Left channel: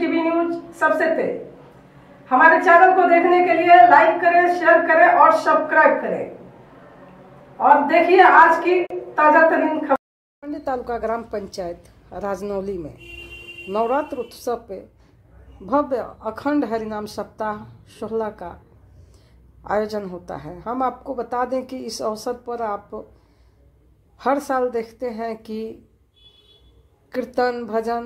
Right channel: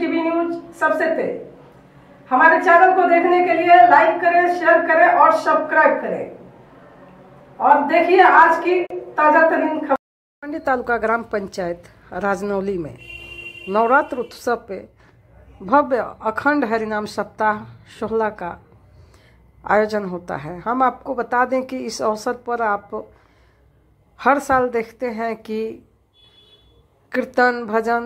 TV news सबसे तेज। हमारे चैनल को देखने के लिए लाइक करें, शेयर करें और सब्सक्राइब करें और देखिए आज की ताजा तरीन खबर। मंडी तालुका ग्राम पंचायत राजनौली में नवरात्र उत्सव पे भव्य अखंड हरिनाम सप्ताह 16 का आयोजन होता है। हम आपको बता दें कि इस अवसर पर आप हर साल देखते हैं कि कीर्तन, भजन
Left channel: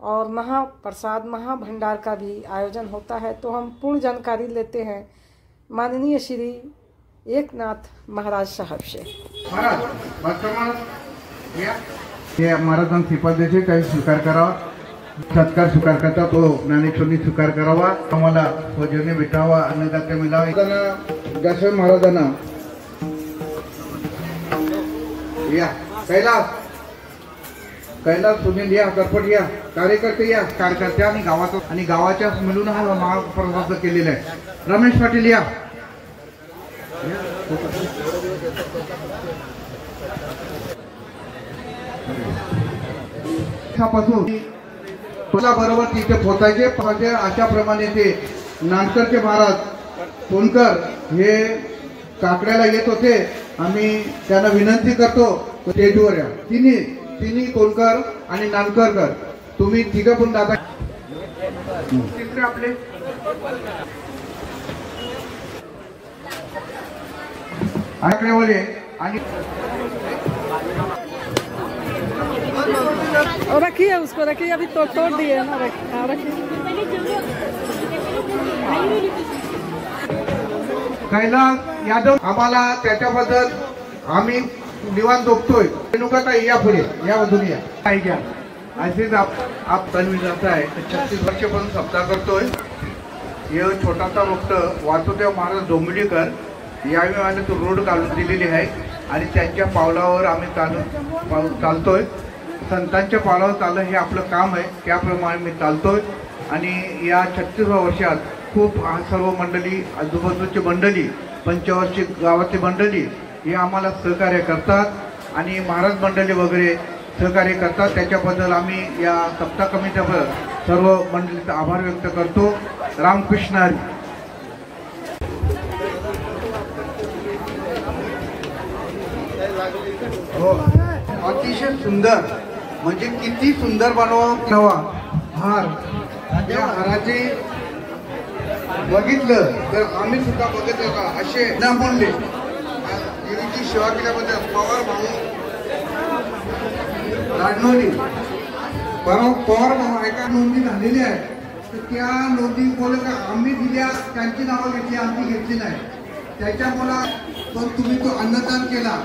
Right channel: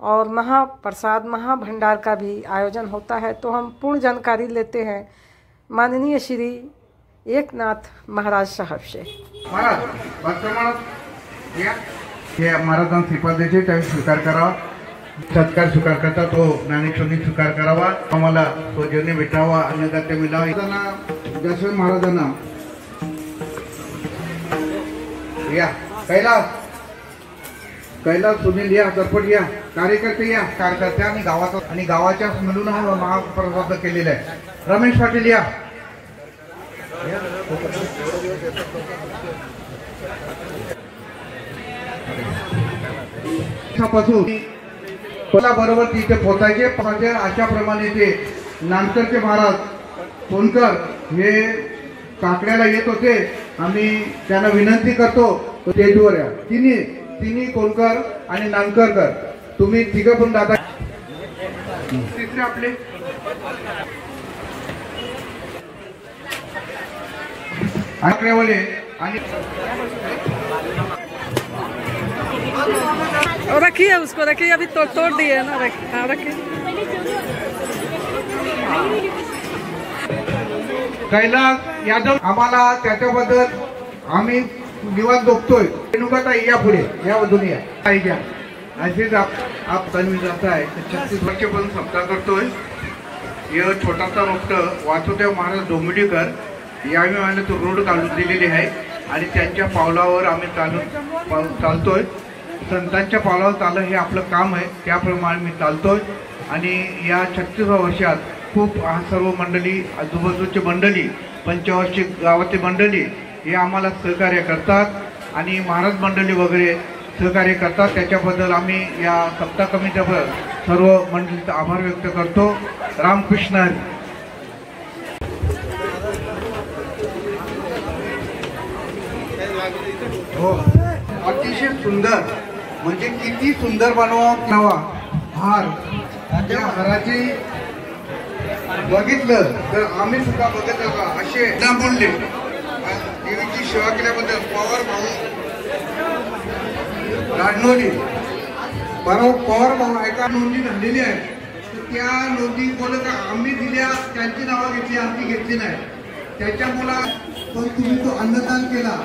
और महाप्रसाद, महाभंडार का भी आयोजन होता है। तो हम पूर्ण जानकारी लेते हैं माननीय श्री एकनाथ महाराज साहब से। महाराजांना श्रीपाद देते काही स्वीकार करावा, सत्कार स्वीकार करता तो ज्ञानेश्वरी स्वीकार करावा, आम्हाला सौजन्य भेटावा, अन्नदाते मिळावा। दशरथ महाराजांना या कैलास सुनील या, करपट या, कार्यकर्ते या, कार्यकर्ते आणि गावाच्या मिळून हा महाप्रसाद केलेला आहे। रमेश पाटील या, बरोबर तिथे पोहोचायचे पाहिजे। अशा प्रमाणे ते नानकरचे महाराज सोनकर हे काकड्याला येत होते। आम्ही त्यांना विनंती करतो स्टेजवर या। तिन्ही कोलकर आणि नानकरकर तुम्ही तिघं पण दादा तिसरे आपले आकडेवाले आणि रखिए, उसको रखिए, अभी तो तोड़ दिए ना, रखिए। कैलास यादव आम्हाला त्याच्याबद्दल आम्ही निवांत बघतोय। रेणुकाताई या पुढे या, दुनिया पाहिजे असेच आप कन्व्हिन्स आपला आहे। 36 वर्षापासून सप्ताह करतोय। हे छोटासा भक्त वासुदेव महाराज डोंबिवलीकर याने तो रोड काढून दिलेली आहे आणि त्यांच्या पावलावर आम्ही चालतोय। संतांच्या पावलावर चालणं हे आपलं काम आहे, त्याप्रमाणे मी चालतोय। आणि या 36 वर्षात खूप सर्व मंडळी, आजूबाजूची मंडळी, पंचवार्षिक गावाची मंडळी हे आम्हाला सहकार्य करतात आणि महाराज मंडळी वगैरे सहकार्य करतात। त्याच्याबद्दल आम्ही या सप्ताह कमिटीवर सर्व मंडळीचा आभार व्यक्त करतो। रामकृष्ण हरी। हो, अतिशय सुंदर, म्हणजे किती सुंदर बनवा हार। त्या हाराचे बघितलं तर आम्ही सुद्धा बघितलं का असे ना बोलले। देवीची सेवा केल्याबद्दल पवार भाऊ राजनौली पवार भाऊ एका नोंदी झालेली आहे। त्या नोंदी बोल का आम्ही दिल्या, त्यांची नावं घेतली, आमची घेतली नाही। त्याच्यामुळे तुम्ही तो अन्नदान केला।